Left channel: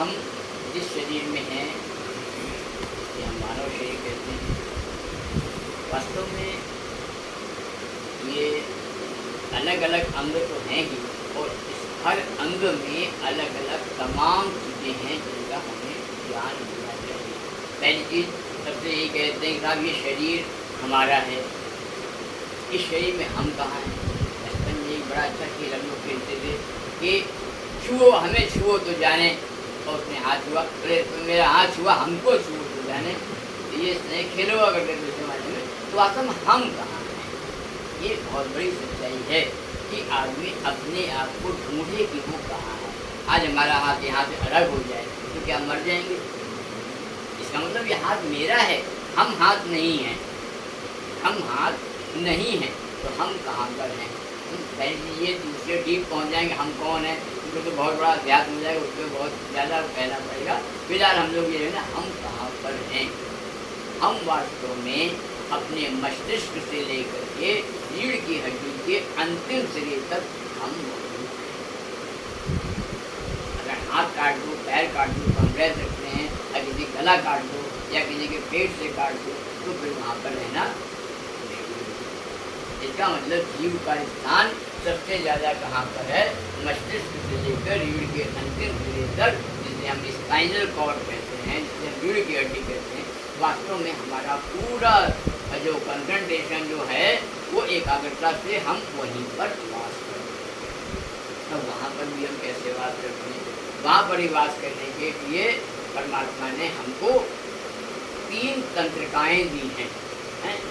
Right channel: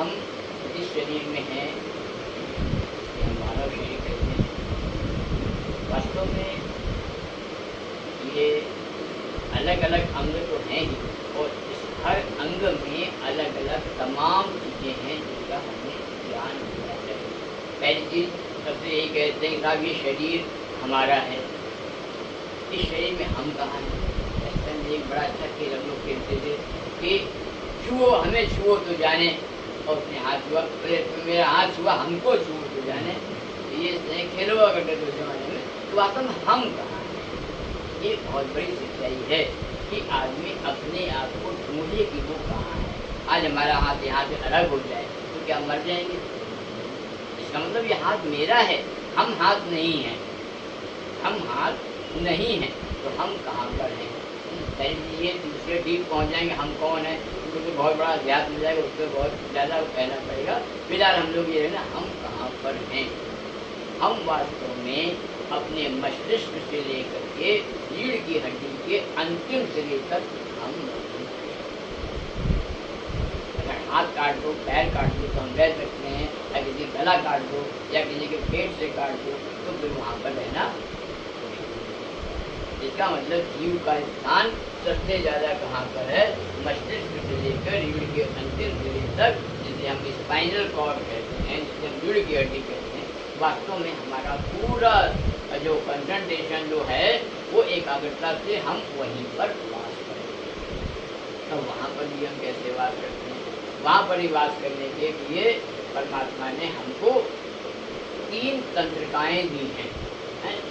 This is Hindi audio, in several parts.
हम जिस शरीर में हैं, ये हम मानव शरीर कहते हैं, वास्तव में ये अलग अलग अंग तो हैं ही, और इस हर अंग में अलग अलग तमाम चीज़ें हैं जिनका हमें ज्ञान होना चाहिए। पहली चीज़ सबसे यही कहते हैं कि साहब ये शरीर हमारा है, इस शरीर में हम कहाँ हैं। बचपन में एक बड़ा अच्छा खेल हम लोग खेलते थे कि छुओ, हमें छुओ तो जाने, और उसने हाथ छुआ, तो मेरा हाथ छुआ, हमको छुओ तो जाने। तो ये स्नेह खेलो अगर के दूसरे मायने में, तो वास्तव में हम कहाँ हैं। ये बहुत बड़ी सच्चाई है कि आदमी अपने आप को ढूंढे कि वो कहाँ है। आज हमारा हाथ यहाँ से अलग हो जाए तो क्या मर जाएंगे? इसका मतलब ये हाथ मेरा है, हम हाथ नहीं हैं। हम हाथ नहीं हैं तो हम कहाँ पर हैं? पहले ये दूसरे डीप पहुँच जाएंगे हम कौन है, उनको तो बहुत बड़ा अध्यात्म मिल जाएगा, उसको बहुत ज़्यादा कहना पड़ेगा। फिलहाल हम लोग ये है ना, हम कहाँ पर हैं। हम वास्तव में अपने मस्तिष्क से लेकर के रीढ़ की हड्डी के अंतिम शरीर तक हम मौजूद हैं। अगर हाथ काट दो, पैर काट दो तो हम रह सकते हैं, या किसी गला काट दो या किसी के पेट से काट दो तो फिर वहाँ पर रहना। इसका मतलब जीव का स्थान सबसे ज़्यादा कहाँ पर है? मस्तिष्क से लेकर रीढ़ के अंतिम शरीर तक, जिसे हम स्पाइनल कॉर्ड कहते हैं, जिसे हम रीढ़ की हड्डी कहते हैं। वास्तव में हमारा पूरा जो कंसंट्रेशन जो है वो एकाग्रता से हम वहीं पर वास करते हैं। तो वहाँ पर भी हम कैसे वास करते हैं? वहाँ पर ही वास करने के लिए परमात्मा ने हमको 3 तंत्रिकाएँ दी हैं।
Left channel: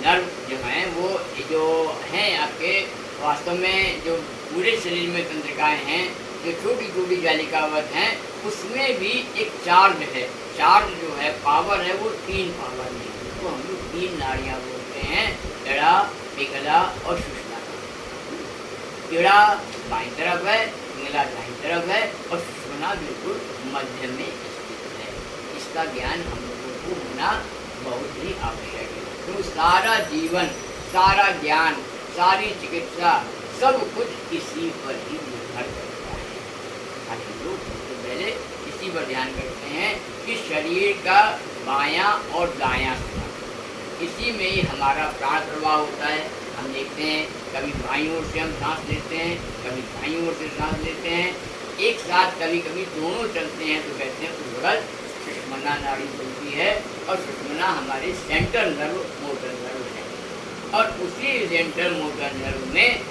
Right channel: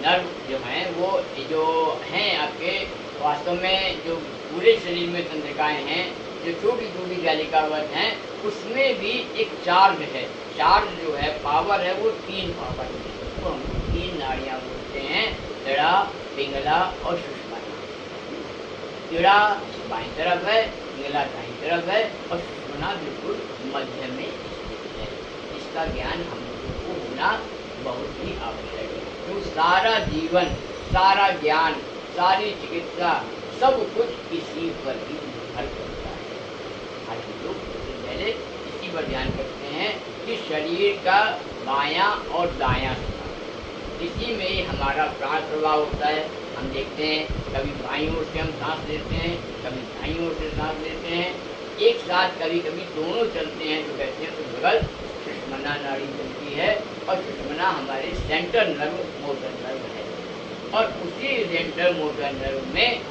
नर्व जो हैं वो जो हैं आपके वास्तव में जो पूरे शरीर में तंत्रिकाएँ हैं, जो छोटी छोटी जालिकावत हैं, उसमें भी एक चार्ज है। चार्ज जो है, पावर है, वो 3 पावर में है। तो हम 3 नाड़ियाँ बोलते हैं, इड़ा, पिंगला और सुषुम्ना। इड़ा बाईं तरफ है, पिंगला दाईं तरफ है और सुषुम्ना बिल्कुल मध्य में स्थित है। इसका ज्ञान हम लोगों को होना बहुत ही आवश्यक है। तो सारा जीवन, सारा ज्ञान, सारी चिकित्सा, सब कुछ इसी पर ही निर्भर करता है। आज हम लोग सबसे पहले इसी पर ध्यान करते हैं कि शरीर का बायां और दायां स्थान, इसी में ही हमारा प्राण प्रवाह होता है। हम देखते हैं कभी बाईं ओर से हम सांस लेते हैं, कभी दाईं ओर से सांस लेते हैं, एक साथ कभी कभी दोनों चलते हैं। तो कहते हैं उस बगल सुषुम्ना नाड़ी चलती है, और सुषुम्ना हमारे सेंट्रल नर्व, मोटर नर्व है। और उसी सेंट्रल मोटर नर्व में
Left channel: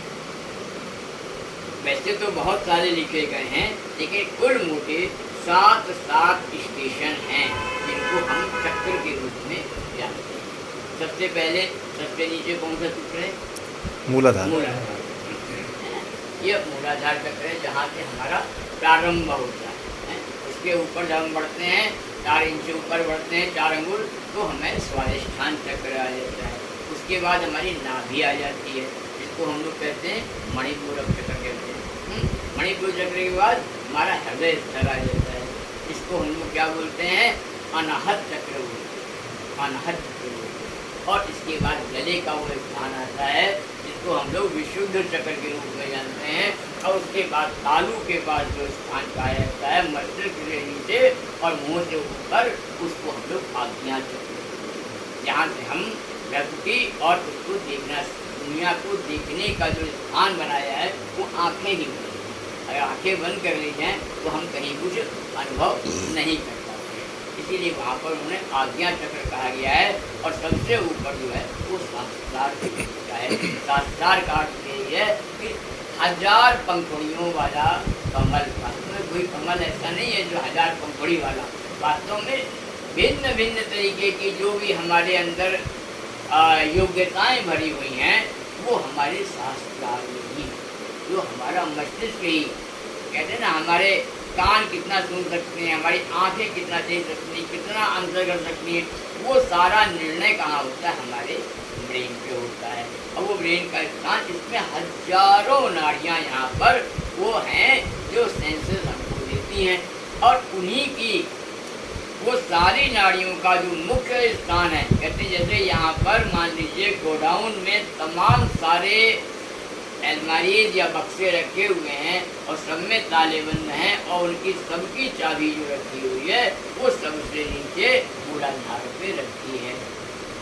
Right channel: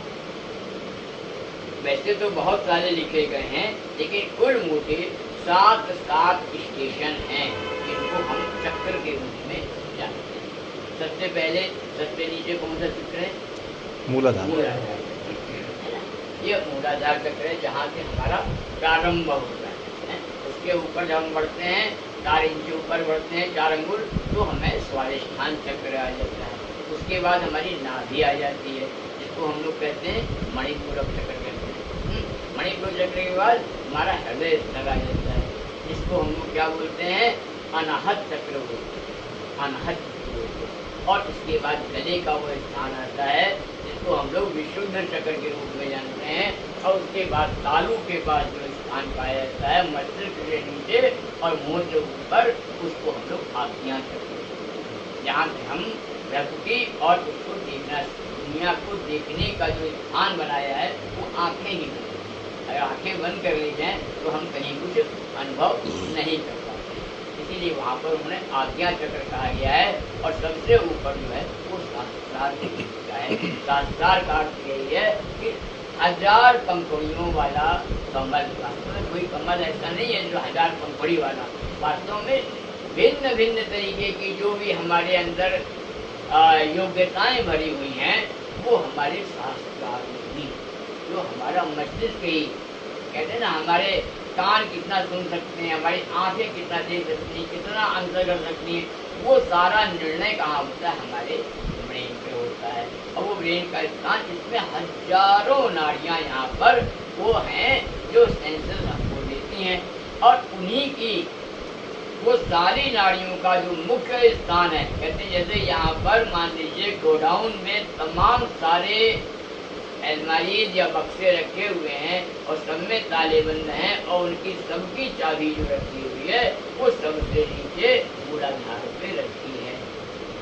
वैसे तो बहुत सारे लिखे गए हैं, लेकिन कुल मोटे 7 स्टेशन हैं जिनको हम चक्र के रूप में जानते हैं। सबसे पहले सबसे नीचे कौन सा चक्र है? मूलाधार। मूलाधार, ये मूलाधार चक्र है, जहाँ से हमारा प्रारंभ होता है। उसके ऊपर जब हम बढ़ते हैं, 4 इंच ऊपर बढ़ते हैं, 4 अंगुल, तो हमें स्वादिष्ठान चक्र आ जाता है। उसके बाद हमारी नाभि आ जाती है, जिसको हम लोग कहते हैं मणिपूरक चक्र कहते हैं। मणिपुर चक्र के बाद हमारा हृदय स्थल आ जाता है, जिसको हम लोग क्या बोलते हैं? अनाहत चक्र बोलते हैं, अनाहत चक्र बोलते हैं। और इसके बाद गले का वो स्थान आता है, जिसको हम लोग विशुद्ध चक्र के रूप में जानते हैं। और उसके बाद तालू के पास जो स्थान पाया जाता है, मस्तिष्क से नीचे और मुंह से ऊपर, उसको हम लोग आज्ञा चक्र, जहाँ से हम प्रकृति और उसको देखना, दुनिया को देखने का जो स्थान बनाया है वो आँखें ही बनी। अगर आँखें बंद कर ली जाएँ तो हम कहीं कुछ अनुभव नहीं कर पाते। इसीलिए वहाँ पर उन्हें आज्ञा चक्र कहा गया है। और सबसे ऊपर जो है वो शास्त्रार का है। शास्त्रार का अर्थ यही है कि 1000 पंखुड़ियों वाला कमल। वास्तव में कोई कमल ऐसा नहीं है जो 1000 पंखुड़ी वाला। वास्तव में भिन्न भिन्न तरीके की जो भी हमारे अंदर योग्यताएं भरी हुई हैं, वो हमारे शास्त्रार में ही, जो हमारा मस्तिष्क ही कहते हैं ना, हमारे कान कितना सुन सकते हैं, हमारी आंखें कितना देख सकती हैं, कितना आंसर कर सकती हैं, वो सारा निर्णय कहाँ होता है? हमारे ब्रेन पे होता है। और वो ब्रेन का स्थान, इसमें हजारों नाड़ियाँ यहाँ पर वो हैं जो सेंसेस हमको देती हैं। और उन्हीं की वो सारी नाड़ियों का जो मुख्य स्थान है, कहते हैं जैसे यहाँ पर मान लीजिए गोडाउन में तमाम सारे अलमारीज या बक्से रखे हुए हैं और सब में ताले बंद हैं और उनकी सबकी चाबी जो रखी हुई है वो सबसे नीचे मूलाधार पे रखी है।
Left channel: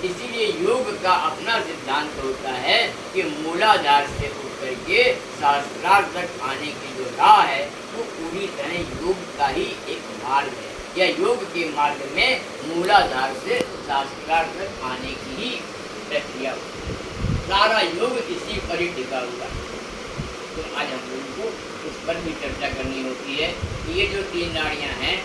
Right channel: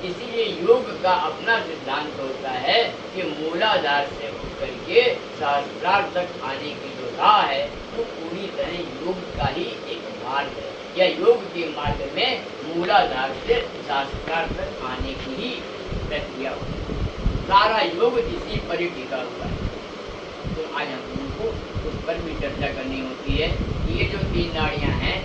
इसीलिए योग का अपना सिद्धांत होता है कि मूलाधार से उतर के सहस्त्रार तक आने की जो राह है वो पूरी तरह योग का ही एक मार्ग है, या योग के मार्ग में मूलाधार से सहस्त्रार तक आने की ही प्रक्रिया होती है। सारा योग इसी पर ही टिका हुआ है। तो आज हम लोगों को उस पर भी चर्चा करनी होती है कि ये जो 3 नाड़ियाँ हैं,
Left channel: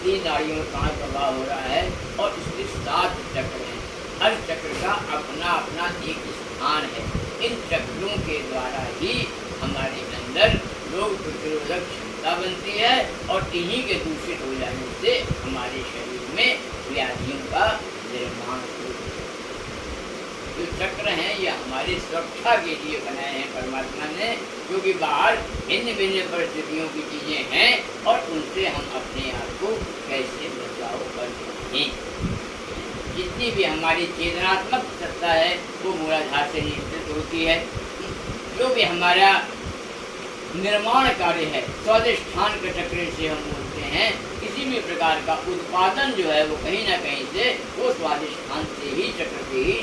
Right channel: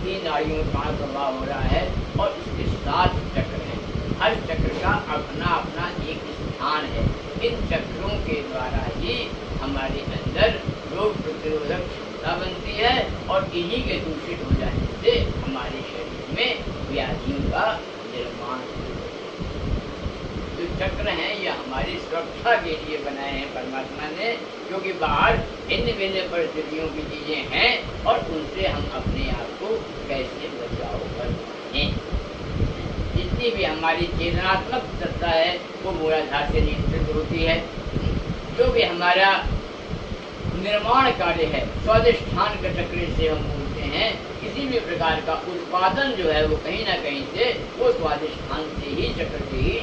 3 नाड़ियों में प्राण प्रवाह हो रहा है और इसके 7 चक्र हैं। हर चक्र का अपना अपना एक स्थान है। इन चक्रों के द्वारा ही हमारे अंदर रोग प्रतिरोधक क्षमता बनती है और इन्हीं के दूषित हो जाने से हमारे शरीर में व्याधियों का निर्माण होता है। जो चक्र हैं ये हमारी सुरक्षा के लिए बनाए हैं परमात्मा ने, क्योंकि बाहर भिन्न भिन्न परिस्थितियों की चीजें हैं और उनसे हम अपने आप को कैसे बचाव कर सकते हैं। जितनी भी हमारी चेतनात्मक सत्ता है वो मूलाधार से नियंत्रित होती है। जो भी हमारा निर्माण कार्य है स्वादिष्ठान के चक्र से हम बोलते हैं, किसी भी प्रकार का उत्पादन जो है वो कहीं ना कहीं से वो स्वादिष्ठान से ही, चक्र से ही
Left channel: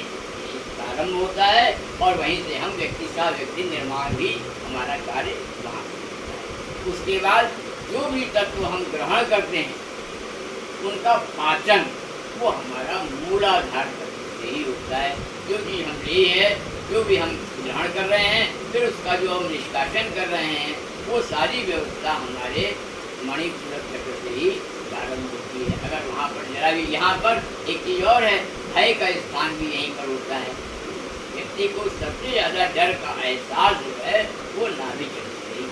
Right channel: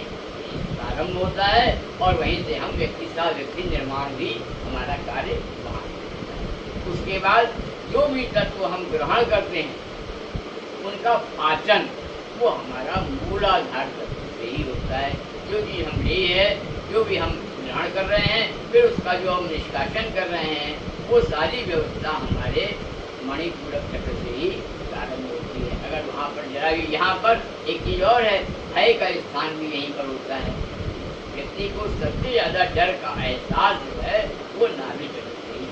प्रारंभ होता है और वहीं से हम व्यक्ति निर्माण भी हमारा कार्य वहाँ होता है। उसके बाद जो भी तत्व हम ग्रहण करते हैं उनका पाचन वो हमारा मूलाधार तत्व से ही होता है। जो भी हम ले है, जो भी हम ग्रहण कर रहे हैं, फिर उसका जो हम निष्कासन कर रहे हैं वो सारी व्यवस्था हमारे मणिपूरक चक्र से ही प्रारंभ होती है। अगर वहाँ पर जरा भी, यहाँ पर एक चीज़ और है, भय का स्थान भी यहीं पर होता है। व्यक्ति को सबसे ज़्यादा डर का एहसास जो है वो नाभि चक्र से ही।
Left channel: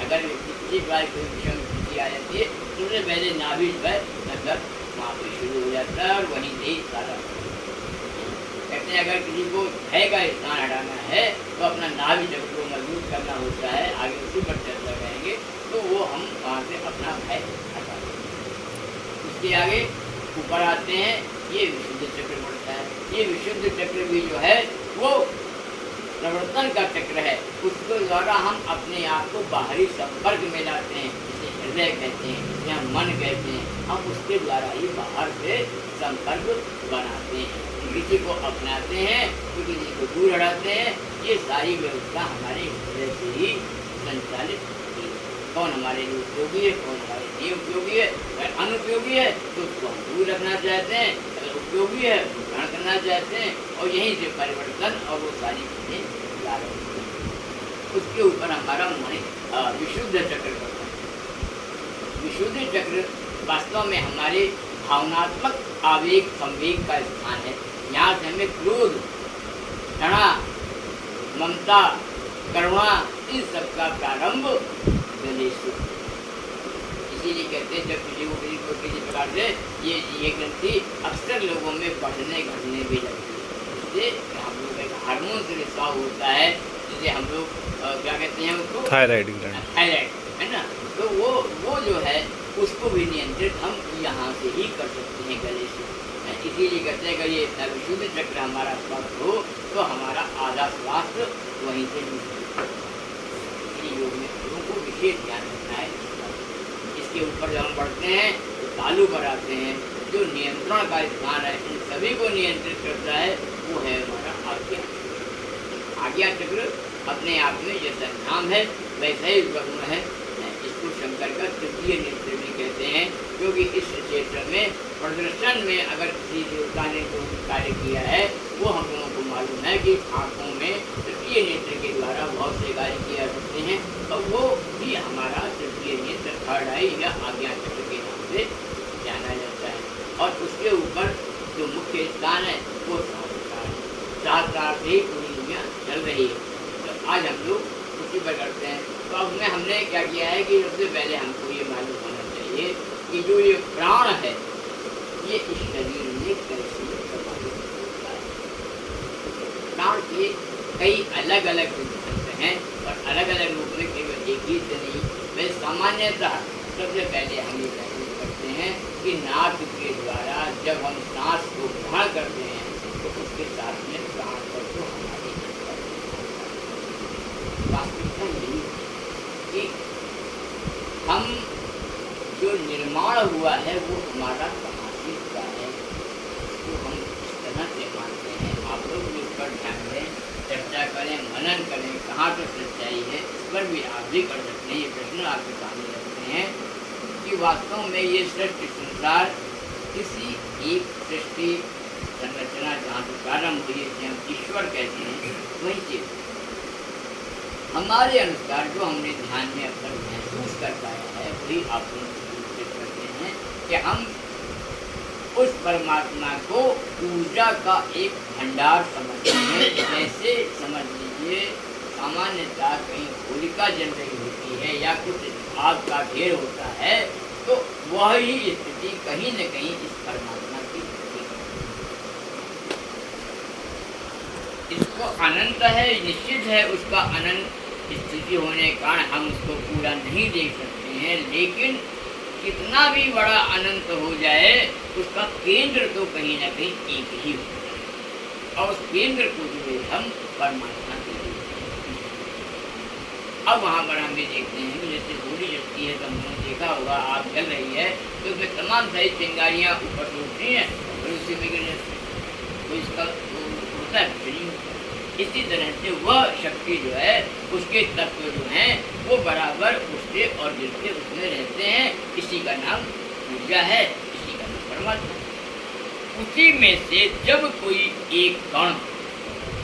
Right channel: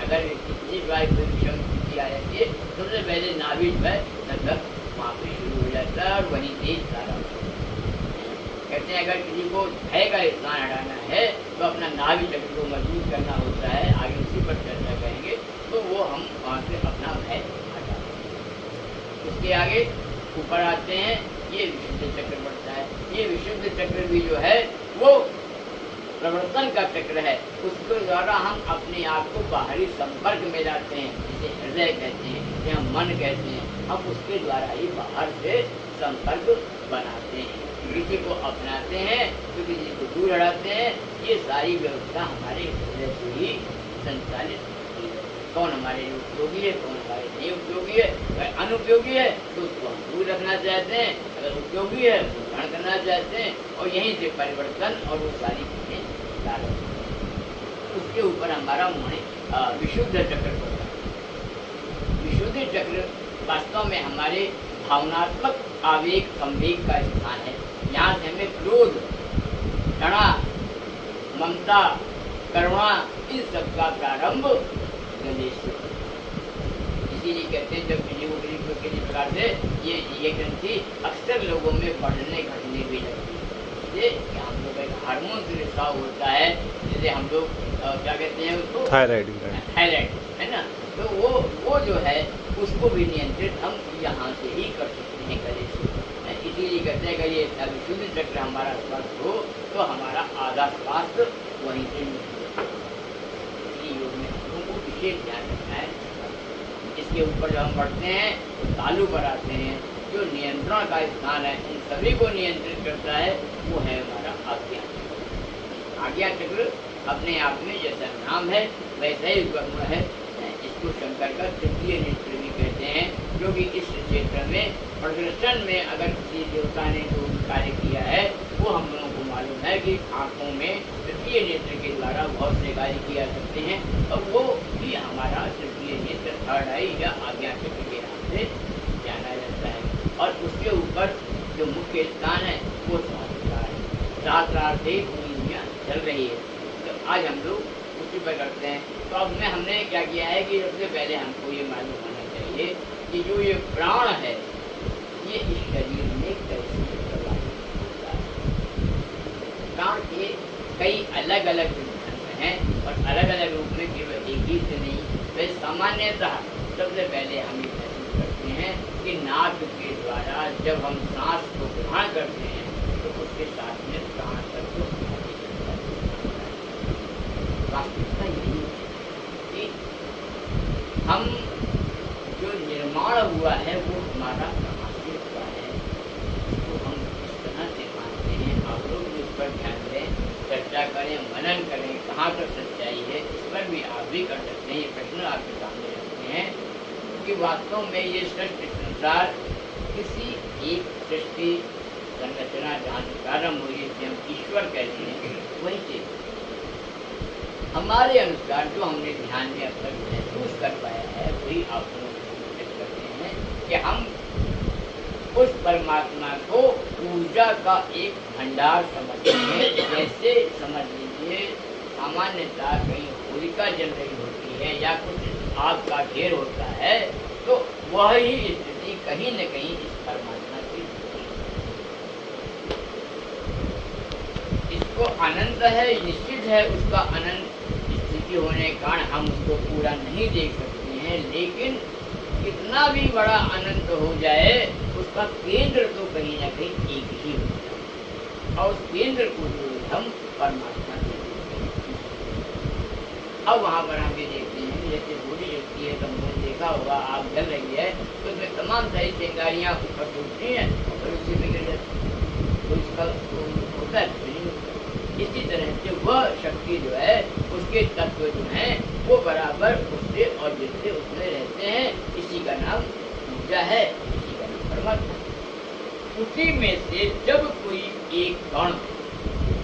अगर व्यक्ति किसी बार कोई विषम स्थिति आ जाती है, सबसे पहले नाभि जो है लगभग वहाँ पर शुरू हो जाता है और वहीं से ही सारा कहते हैं। अगर किसी को भय का स्थान हटाना है तो अपना नाभि चक्र को मजबूत करना होता है। आगे उसी पर चर्चा करेंगे। तो वो हम वहाँ से अपना भय हटाते हैं। उसके आगे ऊपर आते हैं, ये विशुद्ध चक्र पड़ता है। ये विशुद्ध चक्र भी जो है वो प्रवर्तन का चक्र है। उसके द्वारा हम अपने आप को बाहरी संपर्क में लाते हैं, जिसे हृदय कहते हैं, जिसे हम मन कहते हैं। हम उसके द्वारा ही बाहर से संपर्क बनाते हैं, किसी को अपनाते हैं तो किसी को दूर हटाते हैं। ये सारी व्यवस्था हमारे हृदय से ही संचालित होती है। कौन हमारे लिए उपयोगी है, कौन हमारे लिए उपयोगी है। अगर अनुपयोगी है तो उसको हम दूर रखना चाहते हैं, अगर उपयोगी है तो ग्रहण करना चाहते हैं और यहीं से परिवर्तन और वो सारी चीज़ें ला रही हैं। उसके ऊपर हमारा विशुद्ध चक्र पड़ता है। विशुद्ध चक्र वास्तव में हमारे भावनात्मक आवेग संवेग का स्थान है। यहाँ से हमें क्रोध, घृणा, ममता, करुणा, इन सब का प्रारंभ गले से। इसीलिए कहते हैं जब किसी प्रकार से ये ग्रंथि अक्सर लोगों में बढ़ने घटने भी लगती है। इससे हम लोग एक हार्मोन से रिसाव होता है, जिसे हम लोग क्या कहते हैं उसको, थायराइड है ना। तो वो जो है उसको भी नियंत्रित हम यहाँ से ही कर सकते हैं, गले से। इसीलिए कहते हैं अगर ये विशुद्ध चक्र हमारा स्वास्थ्य हो तो हमारा आधा स्वास्थ्य वहीं से योग में लोगों को विशेष ध्यान रखना है। इसके ऊपर जब हम बढ़ते हैं तो तालु पर आते हैं। जो नियंत्रण का स्थान है, उन सभी को नियंत्रित करता है, वो है हमारा आज्ञा चक्र। आज्ञा चक्र अपने आप में जैसा नाम है वैसा ही उसका गुण है। इसको शंकर का तृतीय नेत्र भी कहते हैं, क्योंकि इस क्षेत्र में प्रदर्शन में अगर किसी देवता ने जो कार्य किया है वो हम लोगों को मालूम है कि आँखों में तृतीय नेत्र के द्वारा बहुत से कार्य किया सकते हैं, और वो भी हमारा तृतीय नेत्र, थर्ड आई या आज्ञा चक्र के नाम से जाना जाता है। और उसके ऊपर जो मुख्य स्थान है वो सहस्त्रार है। सहस्त्रार से ही पूरी दुनिया चल रही है। तो आज हम लोग उसी पर करते हैं। तो अब में हमने क्या किया है कि सबसे पहले हमको ये मालूम होना चाहिए कि जो ये प्राण है ये इस शरीर में कैसे प्रभावित होता है। प्राण के कई अलग अलग सिद्धांत हैं और अलग अलग रूप में केवल एक ही से नहीं। वैसे सामान्यतः सबसे पहले हम ये महसूस करते हैं कि नाक के द्वारा जब हम सांस को ग्रहण करते हैं तो उसके साथ में प्राण तत्व हमारे अंदर वास्तविकता यही है कि हम जो निर्माण हुआ है वो हमारा कहाँ से हुआ है, तो हम इस तरह से मानते हैं। आप लोग भी इस पर ध्यान दें, चर्चा करें, मनन करें, कहाँ तक सच्चाई है इस पर भी आप भी कर सकते हैं। ये प्रश्न आपके सामने रखते हैं कि वास्तव में ये सृष्टि संसार किसी एक सृष्टि संरचना जहाँ से प्रारंभ हुई है, हम ईश्वर कहते हैं, वही चीज हमारे अनुसार जो हमने ध्यान में अब तक महसूस कर पाया है वही आप लोग कोशिश करते हैं कि हम उस परमात्मा को ऊर्जा का एक भंडार समझते हैं। जैसे समझ लीजिए सामान्यतः कहीं होलिका जल रही होती है या कुछ आग का ढेर होता है, तो वही स्थिति कहीं न कहीं इस परमात्मा की होती है। इसको अनंत है, निश्चित है उसका अनंत स्थिति होने के कारण हम उसको पूरा नहीं देख सकते हैं, लेकिन कितना भी बड़ा अनंत हो जाए उसका केंद्र तो कहीं ना कहीं एक ही होता है, और उस केंद्र को जो हम परमात्मा के अब वहाँ पर हम ये देखते हैं कि जैसे होली जलती है, तो हमने देखा होगा आग जल रही है तो उसमें तमाम सारी चिंगारियाँ ऊपर से उठती हैं और फिर उसी में गिर जाती है, तो इसका होता है कुछ नहीं होता। इसी तरह से वह शक्ति जो है उसके तत्व जो हैं वो बराबर उठते और गिरते उसमें रहते हैं। इसी का नाम ऊर्जा है, इसी का नाम परमात्मा है। उसी में से जब कोई एक कण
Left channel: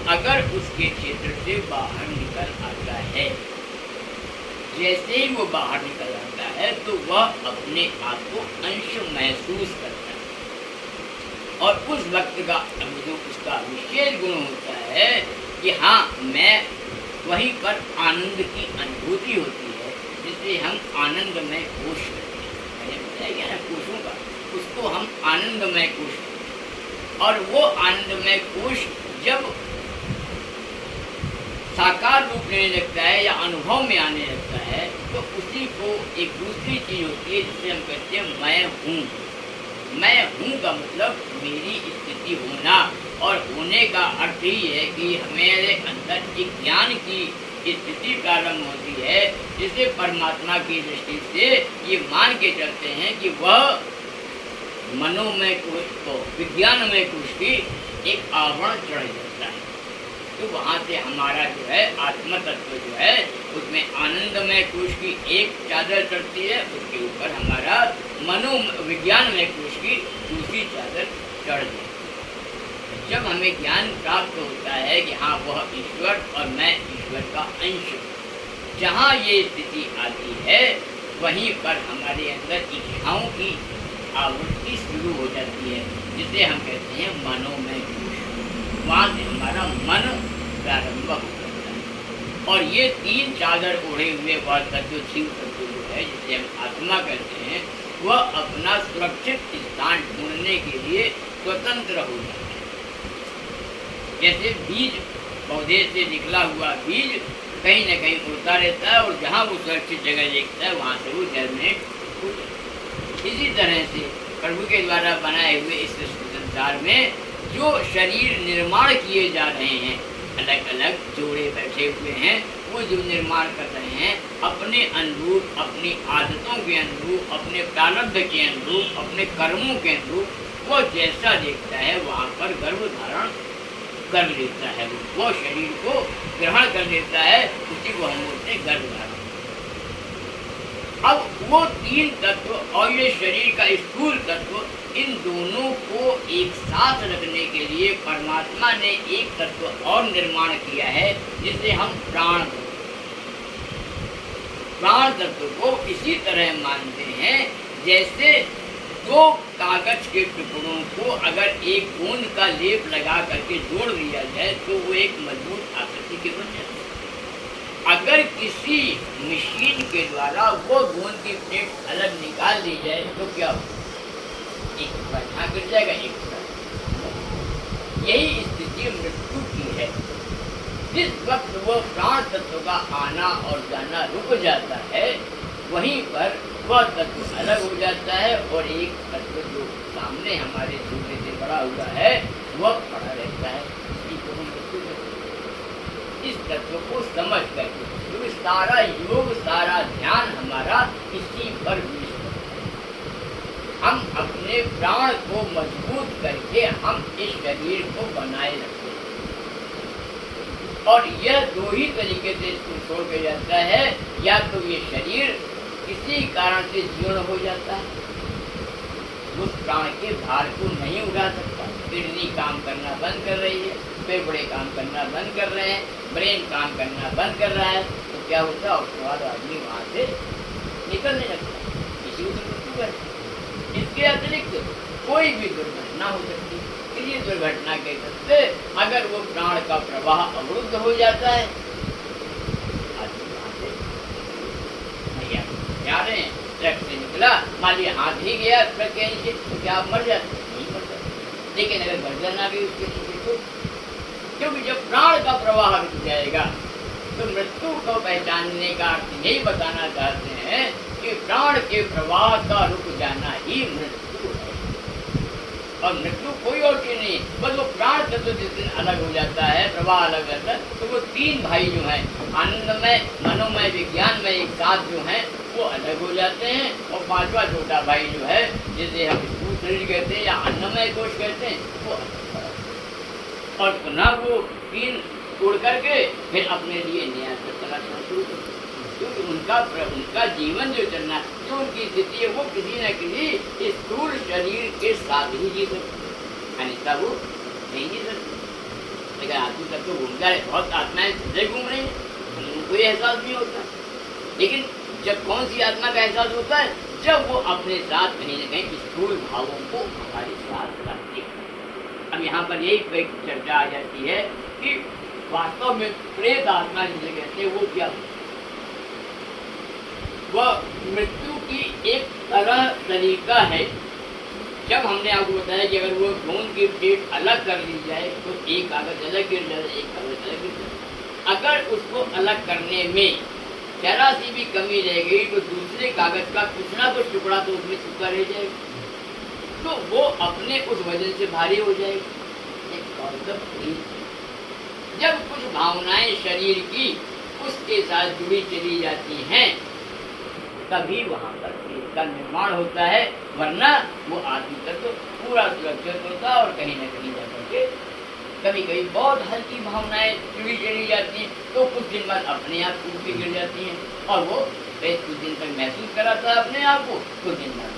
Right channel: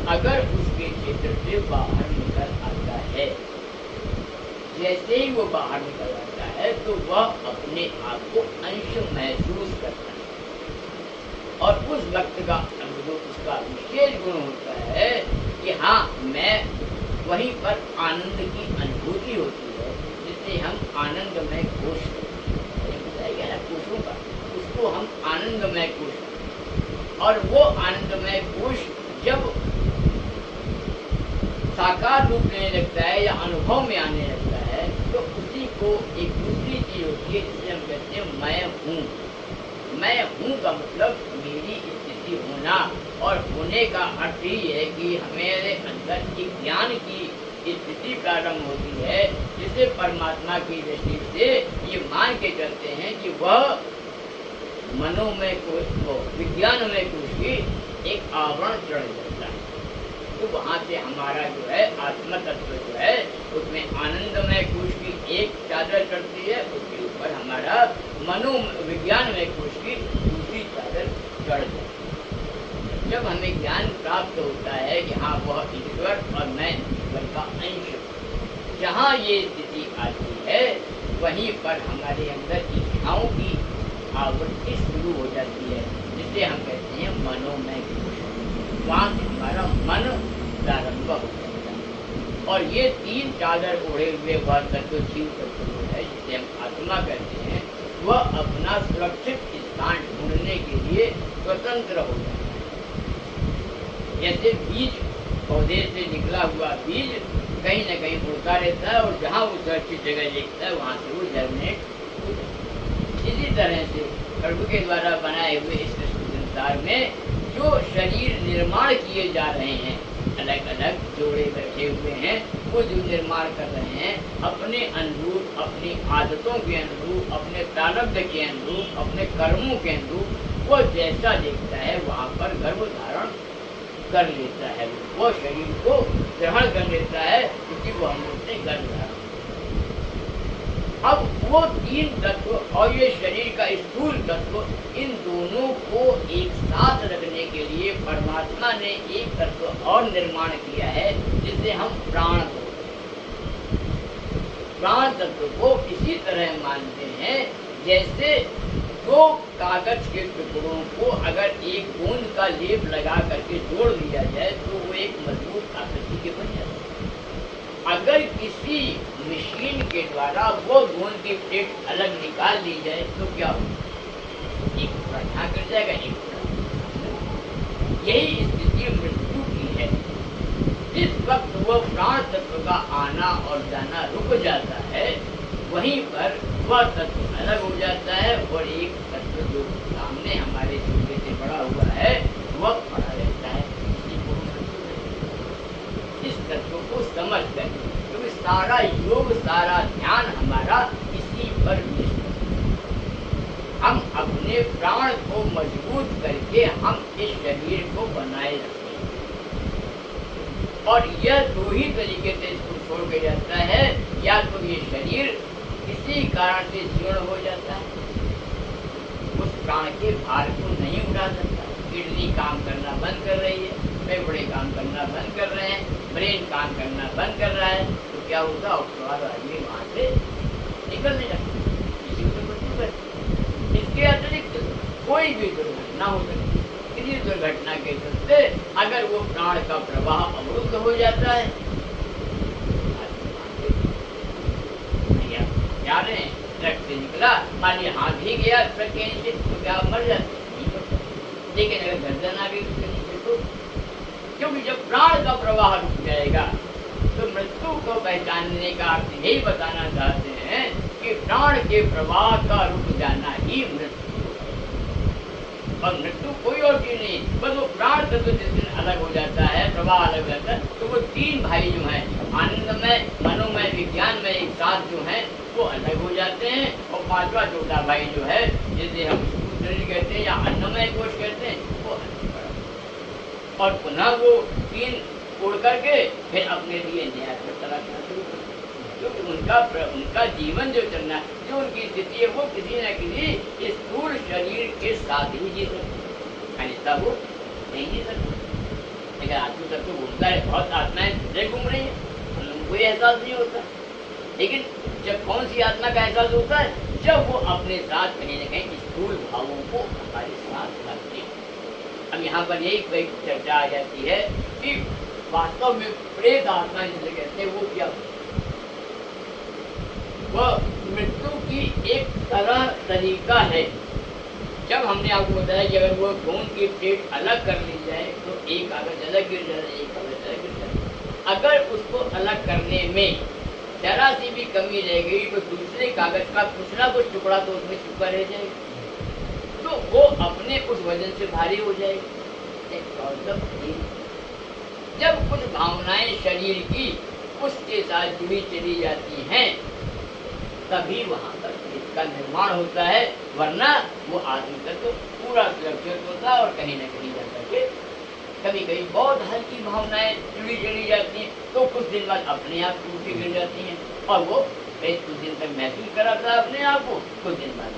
अगर उसके क्षेत्र से बाहर निकल आता है, जैसे ही वो बाहर निकल आता है तो वह अपने आप को अंश महसूस करता है, और उस वक्त का जो उसका विशेष गुण होता है कि हाँ मैं वहीं पर आनंद की अनुभूति होती है, जिसे हम आनंदमय कोश करते हैं। मैंने बताया क्या है कोशों का, उसको हम आनंदमय कोश करते हैं। और वो आनंदमय कोश जब साकार रूप लेने लगता है या अनुभव में आने लगता है तो उसी को एक दूसरी चीज होती है जिसे हम कहते हैं मैं हूँ। मैं हूँ का मतलब मेरी स्थिति होना, और होने का अर्थ ही है कि हमारे अंदर एक ज्ञान की स्थिति प्रारंभ होती है, जिसे परमात्मा की दृष्टि से ये मान के चलते हैं कि वह मनोमय कोश को विज्ञानमय कोश की एक आवरण चढ़ जाता है। तो वहाँ से हमारा जो है आत्म तत्व जो है उसमें आनंदमय कोश की एक चादर चढ़ती है, उसके ऊपर हमारा मनोविज्ञानमय कोश की दूसरी चादर चढ़ जाती है। जब हमें ज्ञान प्राप्त होता है कि हाँ वह ईश्वर और मैं ईश्वर का अंश, जहाँ ये स्थिति आती है वहीं पर हमारे अंदर इच्छाओं की आवृत्ति शुरू हो जाती है, जिसे हम कहते हैं मनोमय कोश। वहाँ से हमारा मन प्रारंभ हो जाता है, और ये तीन चादर ओढ़े हुए वह तत्व शिव तत्व जो है जिसे हम आत्मा कहते हैं, वह अपना सुरक्षित स्थान ढूंढने के लिए स्वतंत्र हो जाता है। जैसे बीज पौधे से निकला हुआ बीज कहीं न कहीं उड़ता रहता है, और जहाँ वो सुरक्षित जगह देखता है वहाँ से वो जर्मिनेट हो जाता है। इसी तरह से प्रभु के द्वारा बनाए हुए इस संसार में जो शरीर निर्माण किए जा रहे हैं, अलग अलग जोड़े बैठे हुए हैं, वो जो निर्माण कर रहे हैं अपने अनुरूप, अपनी आदतों के अनुरूप, अपने प्रारब्ध के अनुरूप, अपने कर्मों के अनुरूप, वो जैसा देखता है वहाँ पर गर्भ धारण कर लेता है, वो शरीर को ग्रहण कर लेता है, उसी को हम बोलते हैं गर्भ धारण। अब वो तीन तत्व और ये शरीर का स्थूल तत्व, इन दोनों को एक साथ रखने के लिए परमात्मा ने एक तत्व और निर्माण किया है जिसे हम प्राण तत्व। प्राण तत्व को इसी तरह मानते हैं जैसे दो कागज के टुकड़ों को अगर एक गोंद का लेप लगा करके जोड़ दिया जाए तो वो एक मजबूत आकृति के बन जाता है। अगर किसी मशीन के द्वारा वो गोंद की प्लेट अलग निकाल दी जाए तो क्या होगा? एक टुकड़ा यहाँ गिर जाएगा, एक टुकड़ा। यही स्थिति मृत्यु की है। जिस वक्त वो प्राण तत्व का आना और जाना रुक जाता है, वहीं पर वह तत्व अलग हो जाता है और एक तत्व जो सामने हमारे सूर्य से बड़ा हुआ है वह खड़ा रहता है। इसी को हम मृत्यु कहते हैं। इस तत्व को समझ कर तो सारा योग, सारा ध्यान हमारा इसी पर निष्ठ है। हम अपने प्राण को मजबूत करके हम इस शरीर को बनाए रखते हैं, और यह दो ही तरीके से इसको छोड़ के जाता है। या तो ये शरीर किसी कारण से जीर्ण हो जाता है, उस प्राण के भार को नहीं उठा सकता, किडनी काम करना बंद कर रही है, फेफड़े काम करना बंद कर रहे हैं, ब्रेन काम करना बंद कर रहा है, तो क्या होता है, उसके बाद आदमी वहाँ से निकलने लगता है, इसी को मृत्यु करते हैं। इसके अतिरिक्त कोई भी दुर्घटना हो सकती है। किसी दुर्घटना के चलते अगर वो प्राण का प्रवाह अवरुद्ध हो जाता है, जा रहे हैं, ट्रक से निकला, मान लिया हाथ ही गया ट्रक के नीचे, तो क्या आप मर जाते? नहीं मर जाते। लेकिन अगर गर्दन आ गई उसके नीचे तो, क्योंकि जब प्राण का प्रवाह रुक जाएगा तो मृत्यु को पहचानने का अर्थ यही बताना चाहते हैं कि प्राण के प्रवाह का रुक जाना ही मृत्यु है। और मृत्यु कोई और चीज नहीं, बस वो प्राण तत्व जिस दिन अलग हो जाता है, प्रवाह अलग जाता है, तो वो तीन भाई जो हैं, आनंदमय, मनोमय, विज्ञानमय, एक साथ जो हैं वो अलग हो जाते हैं। और पांचवा छोटा भाई जो है, जिसे हम स्थूल शरीर कहते हैं या अन्नमय कोश कहते हैं, वो अलग हो जाता है। और पुनः वो तीन उड़ करके फिर अपने लिए नया तलाशना शुरू करते हैं, क्योंकि उनका जीवन जो चलना, जो उनकी स्थिति है, वो किसी न किसी स्थूल शरीर के साथ ही जी सकते, अन्यथा वो नहीं जी सकते। लेकिन आत्मा तक तो घूमता है, बहुत आत्माएं चले घूम रही है, उनको एहसास नहीं होता। लेकिन जब कौन सी आत्मा का एहसास होता है, जब वो अपने साथ कहीं न कहीं स्थूल भावों को हमारे साथ रखते हैं। अब यहाँ पर यही कोई चर्चा आ जाती है कि वास्तव में प्रेत आत्मा जिसे कहते हैं वो क्या, वह मृत्यु की एक तरह तरीका है। जब हमने आपको बताया कि अगर वो गोंद की प्लेट अलग कर ली जाए तो एक कागज अलग गिर जाए, एक कागज अलग गिर जाए। अगर उसको अलग करने में जरा सी भी कमी रह गई तो दूसरे कागज का कुछ ना कुछ टुकड़ा तो उसमें छुपा रह जाएगा, तो वो अपने उस वजन से भारी हो जाएगी। जब कुछ भावनाएं शरीर की उसके साथ जुड़ी चली जाती हैं, तभी वहां पर इसका निर्माण होता है, वरना वो आदमी तक तो पूरा सुरक्षित होता है। और कहीं न कहीं जाकर के कभी कभी बहुत हल्की भावनाएं जुड़ी चली जाती हैं, तो कुछ दिन बाद अपने आप टूट के गिर जाती हैं, और वो कुछ दिन तक महसूस कराता है अपने आप को, कुछ दिन बाद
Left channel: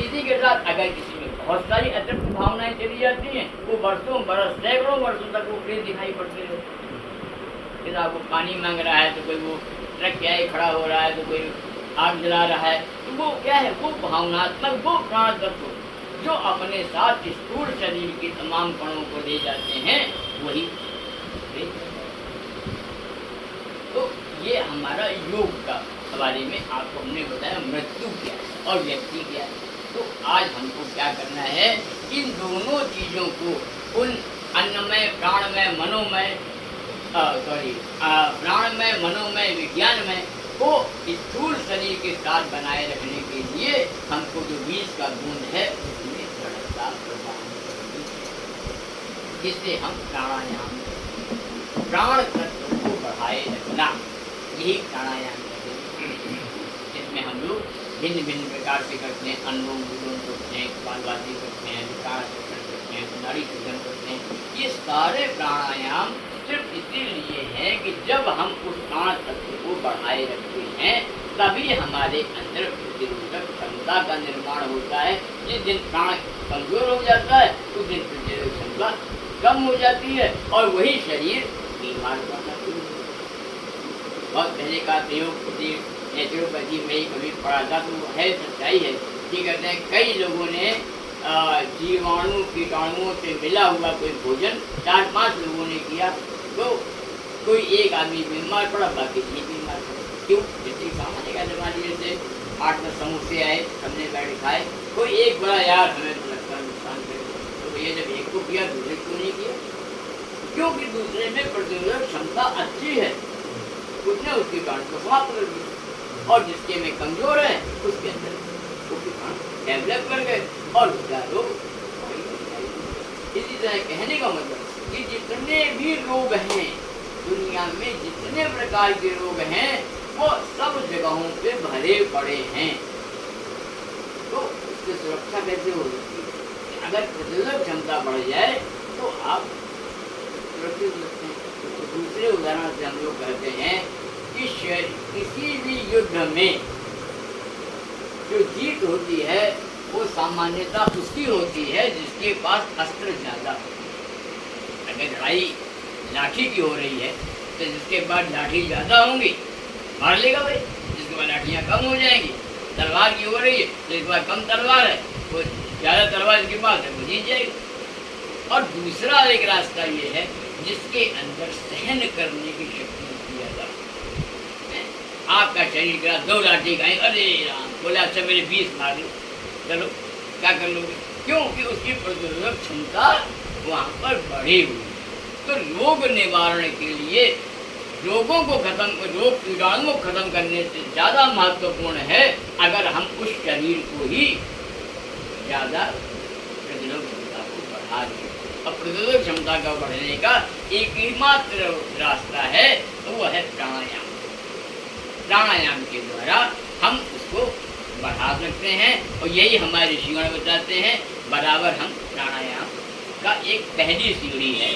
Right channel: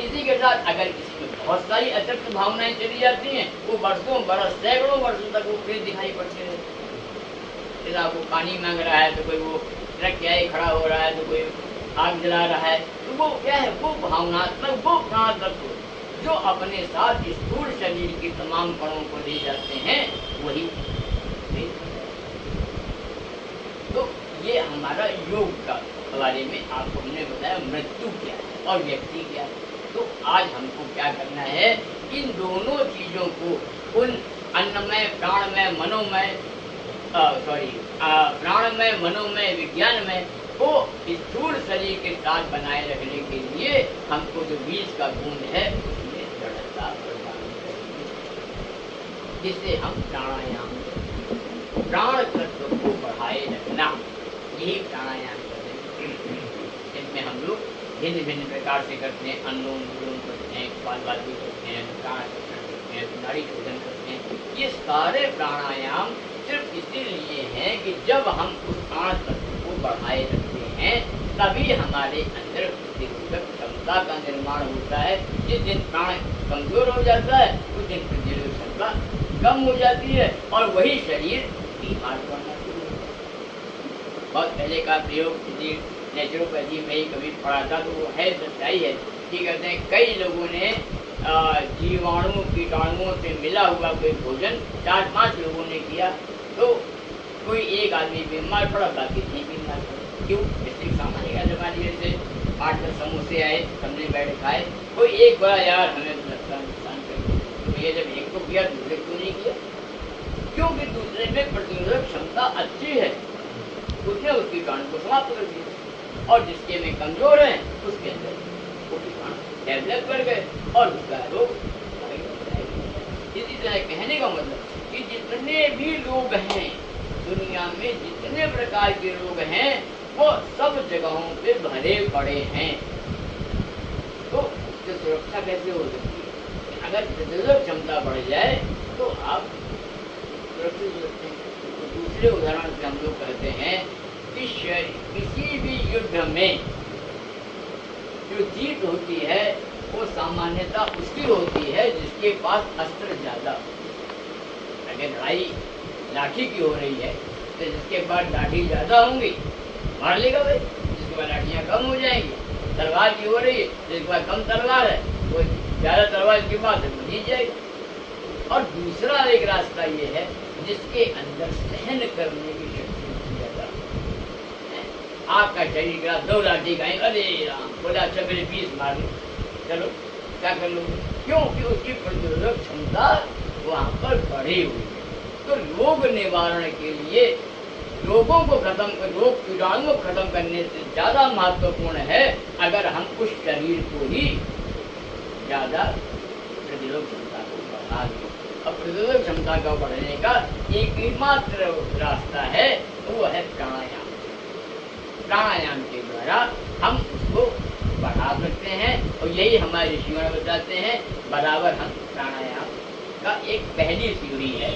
इसी के साथ अगर किसी में बहुत सारी अतिरिक्त भावनाएं चली जाती हैं, वो वर्षों बरस सैकड़ों वर्षों तक वो प्रेत दिखाई पड़ते रहते हैं। आपको पानी मांग रहा है तो कोई वो ट्रक क्या खड़ा हो रहा है, तो कोई आग जला रहा है, तो वो क्या है, वो भावनात्मक, वो प्राण तत्व जो अपने साथ स्थूल शरीर के तमाम कणों को ले जाते हैं, वही। तो ये हमारा योग का हवाले में आपको हमने बताया मृत्यु क्या है और व्यक्ति क्या है। तो आज हमको क्या करना है, इन दोनों चीजों को, उन अन्नमय, प्राणमय, मनोमय, प्राणमय, मनोमय, विज्ञानमय को स्थूल शरीर के साथ बनाए रखने के लिए हमको जो बीज का बूंद है उसमें दृढ़ता प्रदान करनी है, जिससे हम प्राणायाम प्राण तत्व को बढ़ाए रखना, यही प्राणायाम करेंगे। जिसमें हम लोग भिन्न भिन्न प्रकार से करते हैं, अनुलोम विलोम करते हैं, कपालभाति करते हैं, प्राणायाम करते हैं, नाड़ी शोधन करते हैं। ये सारे प्राणायाम सिर्फ इसीलिए है कि जब हम उस प्राण तत्व को बढ़ाए रखते हैं, तभी हमारे अंदर प्रतिरोधक क्षमता का निर्माण होता है। जिस दिन प्राण कमजोर हो जाता है, उस दिन प्रतिरोधक क्षमता कम हो जाती है, और वही शरीर बीमार पड़ना शुरू होता है। बहुत पहले का प्रयोग किसी नेचुरोपैथी में ही कभी पढ़ा था, तो वो है सच्चाई है। ठीक कहते हैं, कई लोगों ने जीवाणु कीटाणुओं से मिला हुआ कोई भोजन 4-5 लोगों ने किया, तो कोई एक आदमी बीमार पड़ा, बाकी नहीं बीमार पड़ा। क्यों? जैसे सामान्य का जमा जैसे 8-10 समोसे आए, सबने बैठ खाए, कोई एक बड़ा यार हमें तो लगता है नुकसान करे, तो भैया जब एक को किया दूसरे को नहीं किया, क्योंकि दूसरे में प्रतिरोधक क्षमता अच्छी है, उसने उस कीटाणु को समाप्त कर दिया, और जिसके में कमजोर है उसके अंदर वो कीटाणु डेवलप कर गए और उसका रोग। इसी तरह कहने का मतलब कि जितने भी लोग हैं दुनिया में जितने प्रकार के रोग हैं वो सब जगहों पे भरे पड़े हैं। तो उससे सुरक्षा कैसे हो सकती है? अगर प्रतिरोधक क्षमता बढ़ जाए तो आप सुरक्षित हो सकते हैं। तो दूसरे उदाहरण से हम लोग कहते हैं कि किसी भी युद्ध में जो जीत होती है वो सामान्यतः उसकी होती है जिसके पास अस्त्र ज्यादा हो। अगर लड़ाई लाठी की हो रही है तो जिसके पास लाठी ज्यादा होंगी मार लेगा भाई, जिसके पास लाठियाँ कम हो जाएंगी। तलवार की हो रही है तो जिसके पास कम तलवार है वो ज्यादा तलवार जिसके पास है वो जीत जाएगा। और दूसरा एक रास्ता ये है जिसके अंदर सहन करने की शक्ति ज्यादा है। आपका शरीर का 2 लाठी खाएंगे, अरे राम बोले अच्छा मेरे 20 मार लो, चलो क्या कर लोगे? क्योंकि उसकी प्रतिरोधक क्षमता वहाँ पर बढ़ी हुई है। तो रोग निवारण के लिए रोगों को रोग कीटाणुओं को खत्म करने से ज़्यादा महत्वपूर्ण है अगर हम उस शरीर को ही ज़्यादा प्रतिरोधक क्षमता को बढ़ा दें। और प्रतिरोधक क्षमता का बढ़ने का एक ही मात्र रास्ता है, वो है प्राणायाम। प्राणायाम के द्वारा हम उसको बढ़ा सकते हैं और यही हमारे ऋषिगण बताते हैं। बराबर हम प्राणायाम का एक पहली सीढ़ी है।